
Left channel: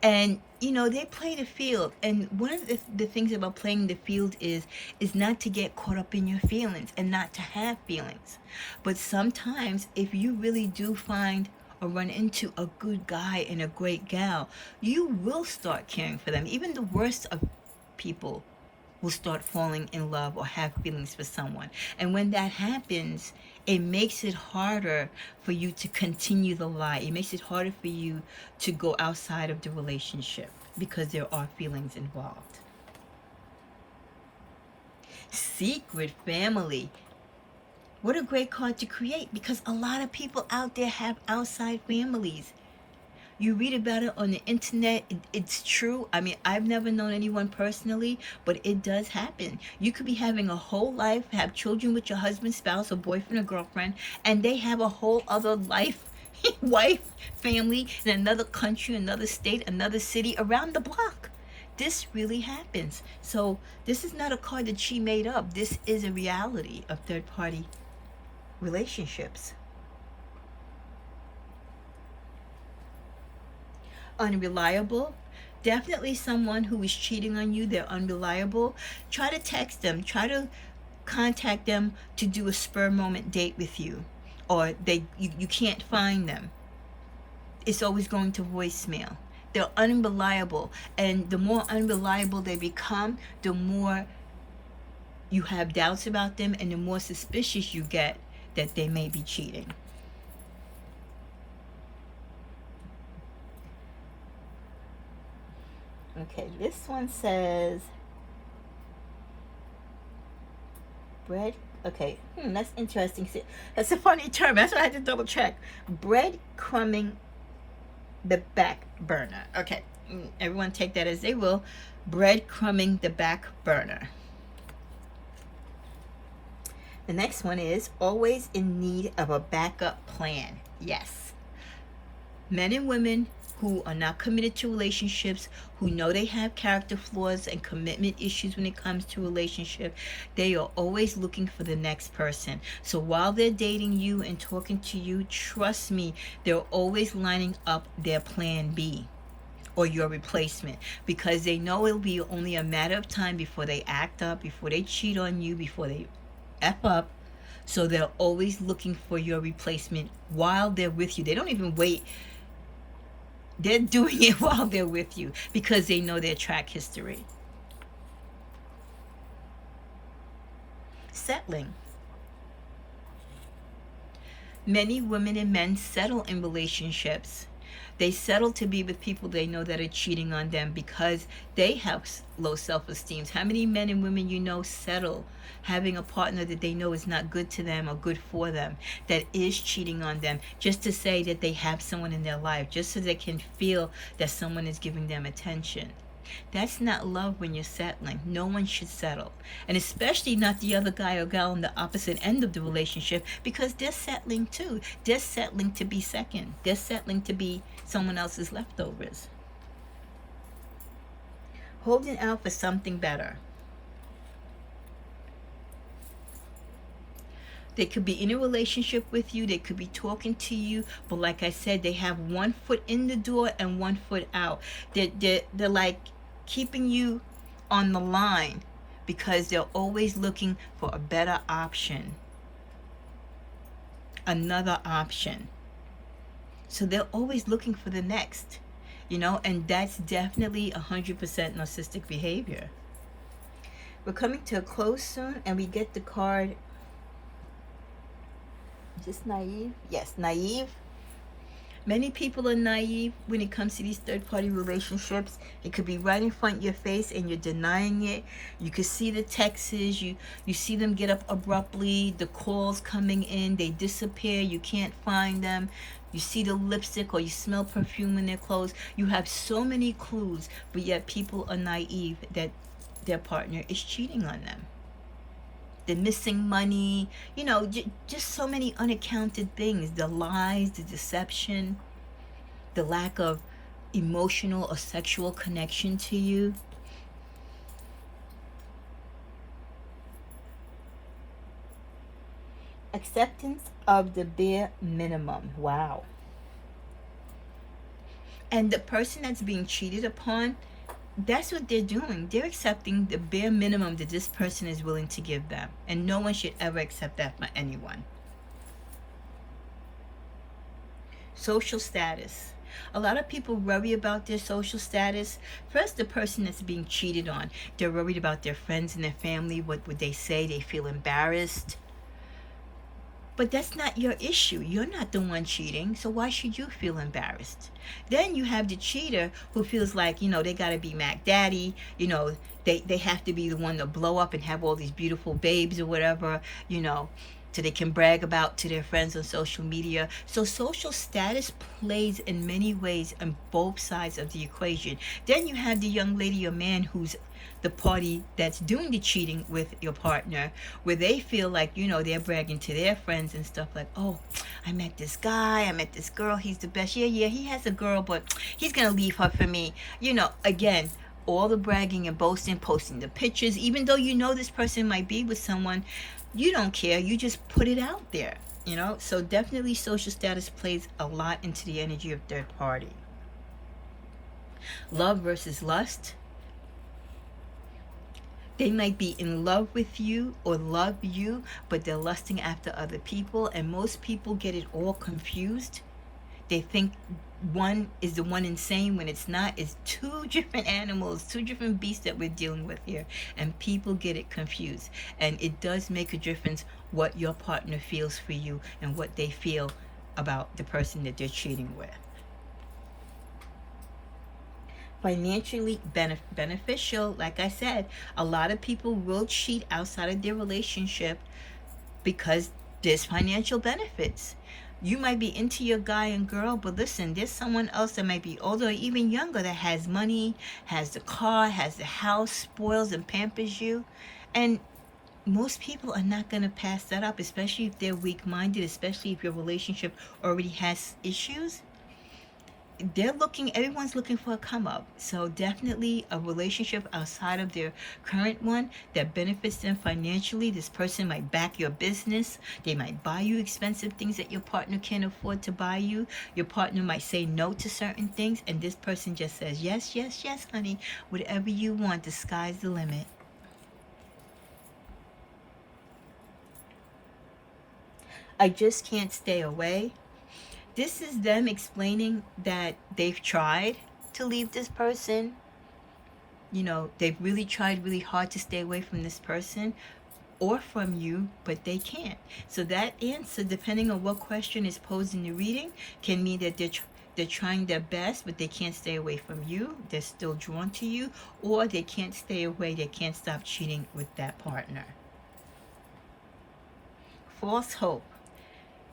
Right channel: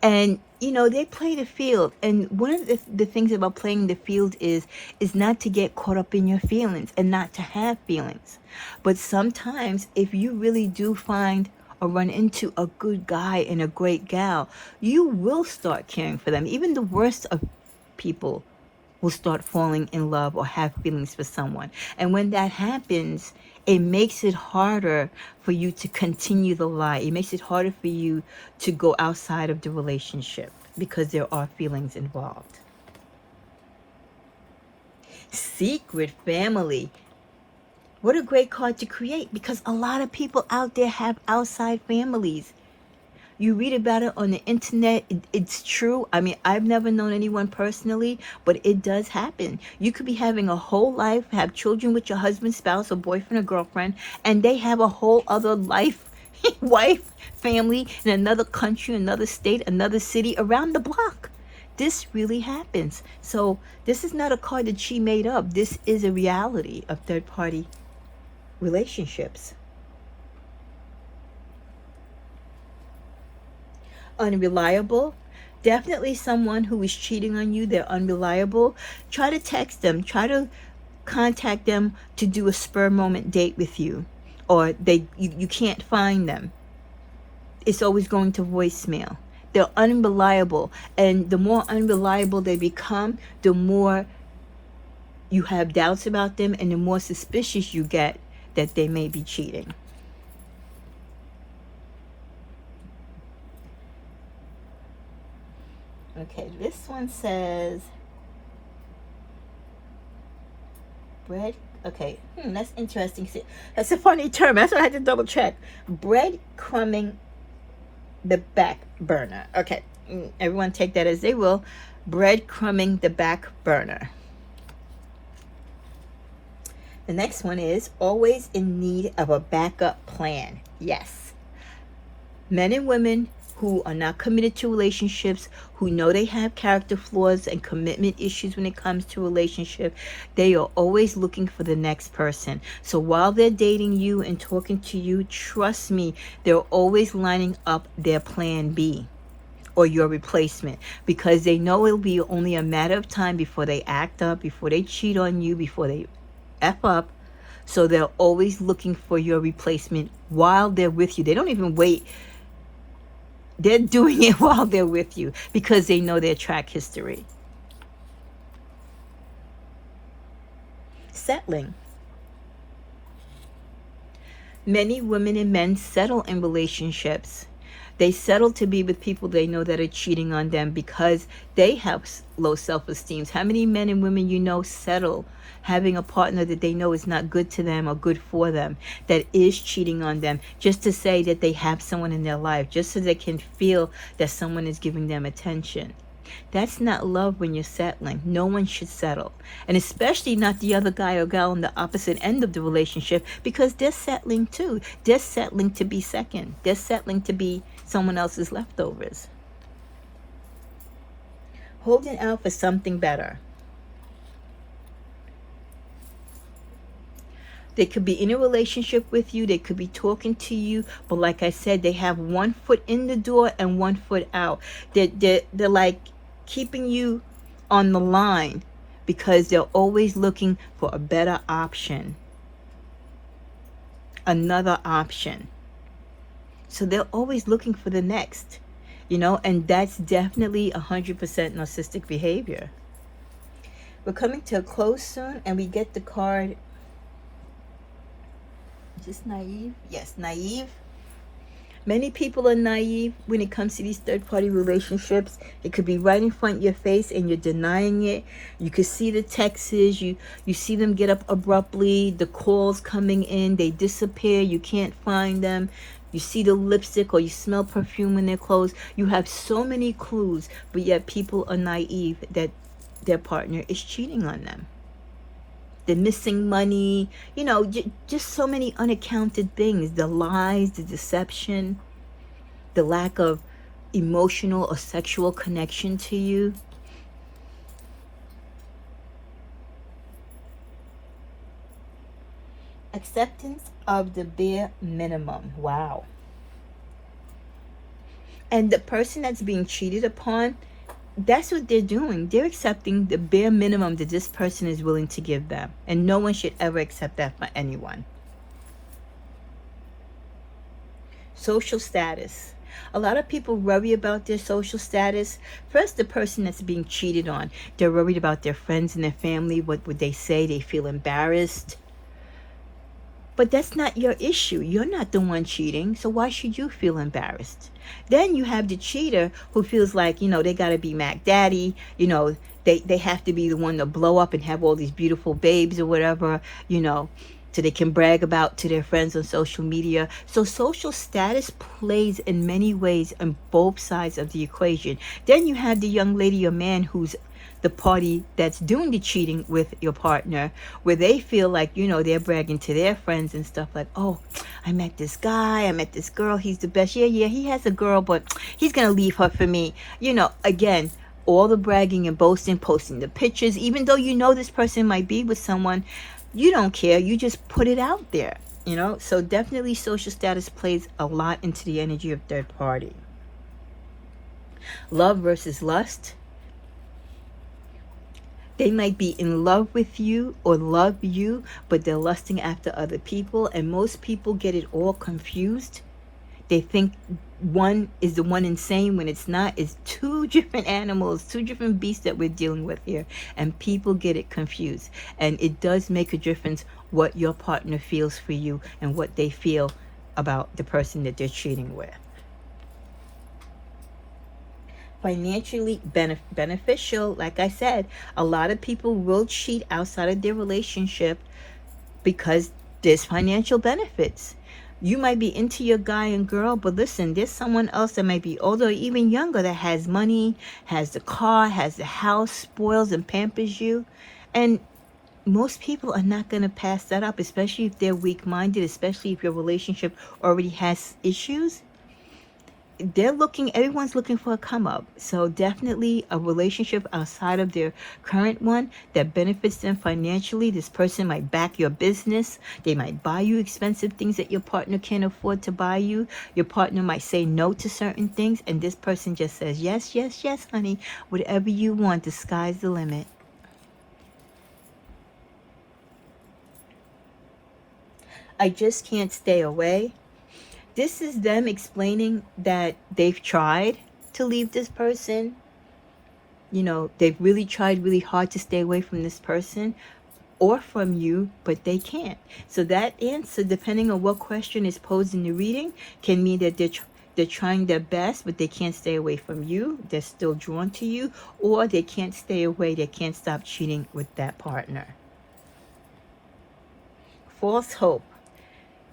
And, you know, they play the field. And one of the things about playing the field is not to get caught up in your feelings and not to have feelings. But sometimes if you really do find or run into a good guy and a great gal, you will start caring for them. Even the worst of people will start falling in love or have feelings for someone. And when that happens, it makes it harder for you to continue the lie. It makes it harder for you to go outside of the relationship because there are feelings involved. Secret family. What a great card to create, because a lot of people out there have outside families. You read about it on the internet. It's true. I mean, I've never known anyone personally, but it does happen. You could be having a whole life, have children with your husband, spouse, or boyfriend or girlfriend, and they have a whole other life, wife, family in another country, another state, another city, around the block. This really happens. So this is not a card that she made up. This is a reality of third-party relationships. Unreliable. Definitely someone who is cheating on you. They're unreliable. Try to text them. Try to contact them to do a spur moment date with you, or you can't find them. It's always going to voicemail. They're unreliable, and the more unreliable they become, the more you have doubts about them, and the more suspicious you get that they may be cheating. Okay, this one says bread. Okay, that's interesting. See, that's a funny term. That's why I had to double check. Breadcrumbing the back burner. Okay, everyone take that as they will. Breadcrumbing the back burner. The next one is always in need of a backup plan. Yes. Men and women who are not committed to relationships, who know they have character flaws and commitment issues when it comes to relationship, they are always looking for the next person. So while they're dating you and talking to you, trust me, they're always lining up their plan B or your replacement, because they know it'll be only a matter of time before they act up, before they cheat on you, before they F up. So they're always looking for your replacement while they're with you. They don't even wait. They're doing it while they're with you because they know their track history. Settling. Many women and men settle in relationships. They settle to be with people they know that are cheating on them because they have low self-esteem. How many men and women you know settle having a partner that they know is not good to them or good for them, that is cheating on them, just to say that they have someone in their life, just so they can feel that someone is giving them attention. That's not love when you're settling. No one should settle. And especially not the other guy or gal on the opposite end of the relationship, because they're settling too. They're settling to be second. They're settling to be someone else's leftovers. Holding out for something better. They could be in a relationship with you. They could be talking to you. But like I said, they have one foot in the door and one foot out. They're like keeping you on the line because they're always looking for a better option. Another option. So they're always looking for the next. And that's definitely 100% narcissistic behavior. We're coming to a close soon, and we get the card. Is this naive? Yes, naive. Many people are naive when it comes to these third-party relationships. It could be right in front of your face and you're denying it. You could see the texts. You see them get up abruptly. The calls coming in, they disappear. You can't find them. You see the lipstick or you smell perfume in their clothes. You have so many clues, but yet people are naive that their partner is cheating on them. The missing money, just so many unaccounted things. The lies, the deception, the lack of emotional or sexual connection to you. Acceptance of the bare minimum. Wow. And the person that's being cheated upon, that's what they're doing. They're accepting the bare minimum that this person is willing to give them. And no one should ever accept that for anyone. Social status. A lot of people worry about their social status. First, the person that's being cheated on, they're worried about their friends and their family. What would they say? They feel embarrassed. But that's not your issue. You're not the one cheating. So why should you feel embarrassed? Then you have the cheater who feels like, they got to be Mac Daddy. They have to be the one to blow up and have all these beautiful babes or whatever, so they can brag about to their friends on social media. So social status plays in many ways on both sides of the equation. Then you have the young lady or man who's the party that's doing the cheating with your partner, where they feel like, they're bragging to their friends and stuff like, oh, I met this guy, I met this girl, he's the best. Yeah, he has a girl, but he's going to leave her for me. Again, all the bragging and boasting, posting the pictures, even though this person might be with someone, you don't care. You just put it out there, So definitely social status plays a lot into the energy of third party. Love versus lust. They might be in love with you or love you, but they're lusting after other people. And most people get it all confused. They think one is the one insane when it's not. It's two different animals, two different beasts that we're dealing with here, and people get it confused. And it does make a difference what your partner feels for you and what they feel about the person that they're cheating with. Financially beneficial, like I said, a lot of people will cheat outside of their relationship because there's financial benefits. You might be into your guy and girl, but listen, there's someone else that might be older or even younger that has money, has the car, has the house, spoils and pampers you. And most people are not going to pass that up, especially if they're weak-minded, especially if your relationship already has issues. Everyone's looking for a come up. So definitely a relationship outside of their current one that benefits them financially. This person might back your business. They might buy you expensive things that your partner can't afford to buy you. Your partner might say no to certain things, and this person just says, yes, yes, yes, honey, whatever you want, the sky's the limit. I just can't stay away. This is them explaining that they've tried to leave this person. You know, they've really tried really hard to stay away from this person or from you, but they can't. So that answer, depending on what question is posed in the reading, can mean that they're trying their best, but they can't stay away from you. They're still drawn to you, or they can't stay away. They can't stop cheating with that partner. False hope.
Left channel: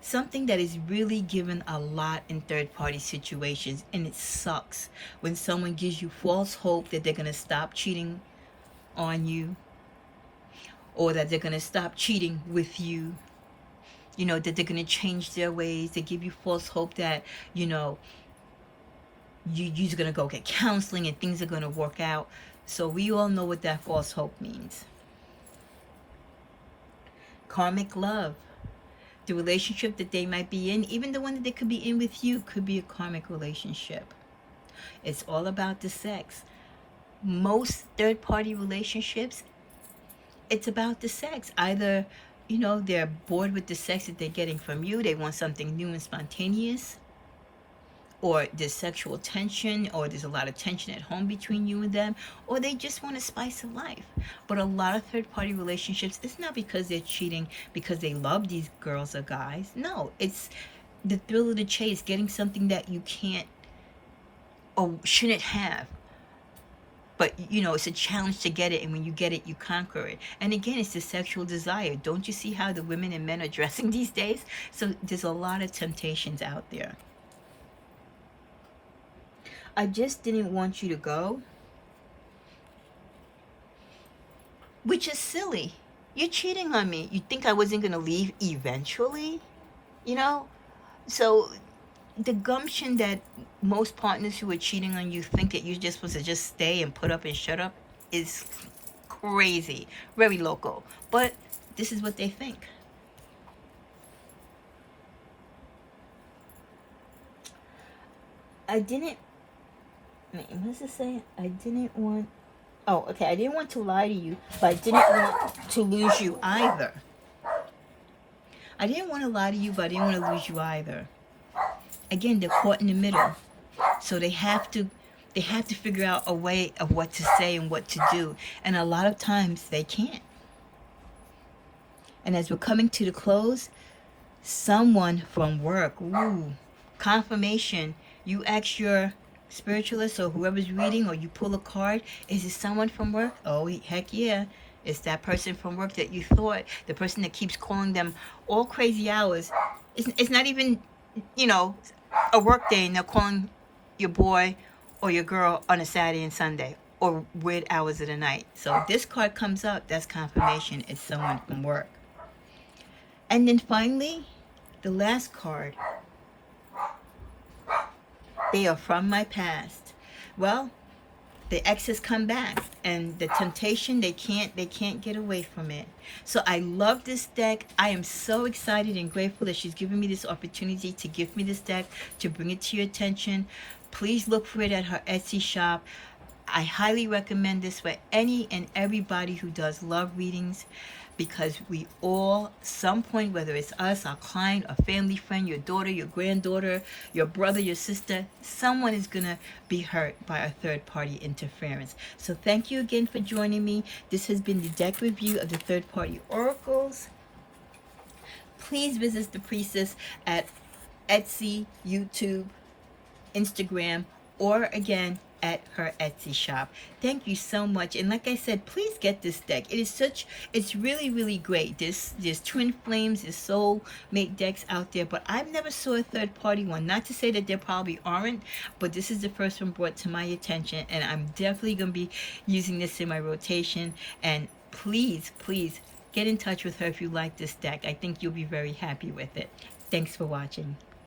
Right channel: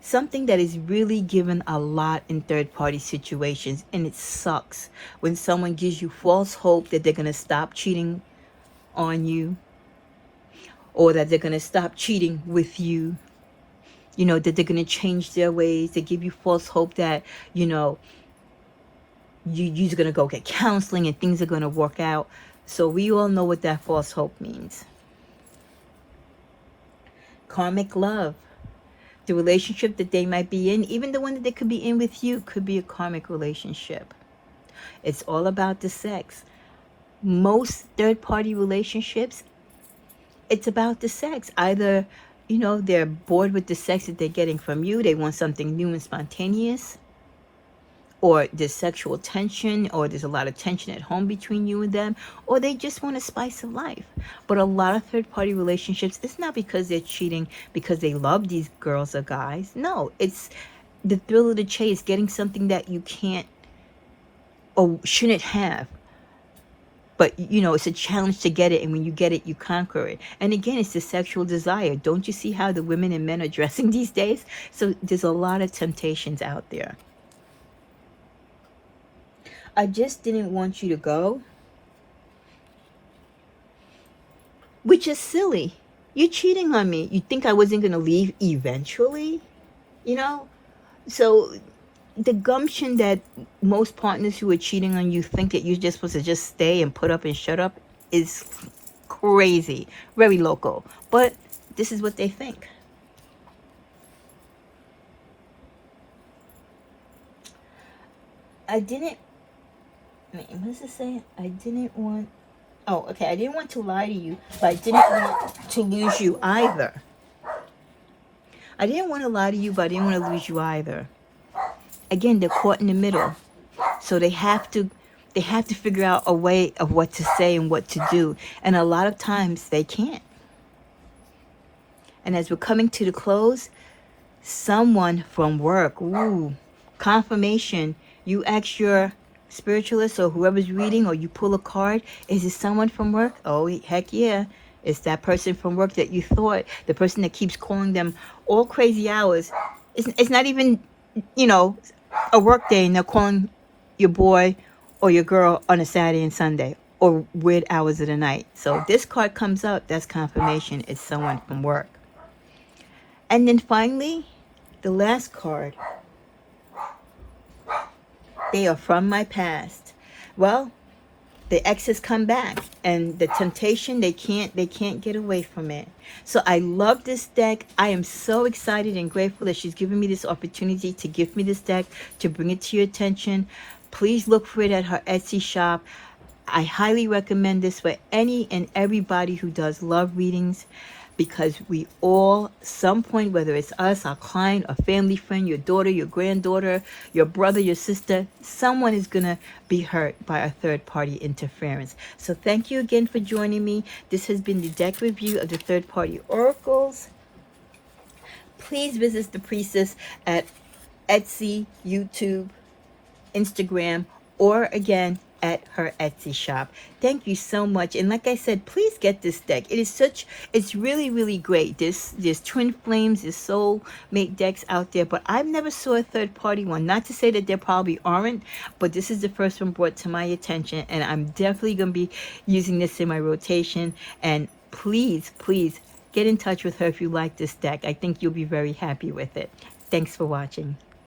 Something that is really given a lot in third-party situations, and it sucks when someone gives you false hope that they're going to stop cheating on you, or that they're going to stop cheating with you, you know, that they're going to change their ways. They give you false hope that, you know, you're going to go get counseling and things are going to work out. So we all know what that false hope means. Karmic love. The relationship that they might be in, even the one that they could be in with you, could be a karmic relationship. It's all about the sex. Most third-party relationships, it's about the sex. Either, you know, they're bored with the sex that they're getting from you. They want something new and spontaneous. Or there's sexual tension, or there's a lot of tension at home between you and them, or they just want a spice of life. But a lot of third-party relationships, it's not because they're cheating because they love these girls or guys. No, it's the thrill of the chase, getting something that you can't or shouldn't have. But, you know, it's a challenge to get it, and when you get it, you conquer it. And again, it's the sexual desire. Don't you see how the women and men are dressing these days? So there's a lot of temptations out there. I just didn't want you to go. Which is silly. You're cheating on me. You think I wasn't going to leave eventually? You know? So the gumption that most partners who are cheating on you think that you're just supposed to just stay and put up and shut up is crazy. Very local. But this is what they think. I didn't... Wait, what does it say? I didn't want... Oh, okay. I didn't want to lie to you, but I didn't want to lose you either. I didn't want to lie to you, but I didn't want to lose you either. Again, they're caught in the middle. So they have to figure out a way of what to say and what to do. And a lot of times they can't. And as we're coming to the close, someone from work, ooh, confirmation. You ask your spiritualist or whoever's reading, or you pull a card, is it someone from work? Oh, heck yeah. It's that person from work that you thought, the person that keeps calling them all crazy hours. It's not even, you know, a work day, and they're calling your boy or your girl on a Saturday and Sunday, or weird hours of the night. So if this card comes out, that's confirmation. It's someone from work. And then finally, the last card. They are from my past. Well, the exes come back, and the temptation, they can't get away from it. So I love this deck. I am so excited and grateful that she's given me this opportunity to gift me this deck, to bring it to your attention. Please look for it at her Etsy shop. I highly recommend this for any and everybody who does love readings, because we all, some point, whether it's us, our client, a family friend, your daughter, your granddaughter, your brother, your sister, someone is going to be hurt by a third-party interference. So thank you again for joining me. This has been the deck review of the third-party oracles. Please visit the Priestess at Etsy, YouTube, Instagram, or again at her Etsy shop. Thank you so much. And like I said, please get this deck. It's really, really great. There's twin flames, there's soulmate decks out there, but I've never saw a third party one. Not to say that there probably aren't, but this is the first one brought to my attention, and I'm definitely going to be using this in my rotation. And please, please get in touch with her if you like this deck. I think you'll be very happy with it. Thanks for watching.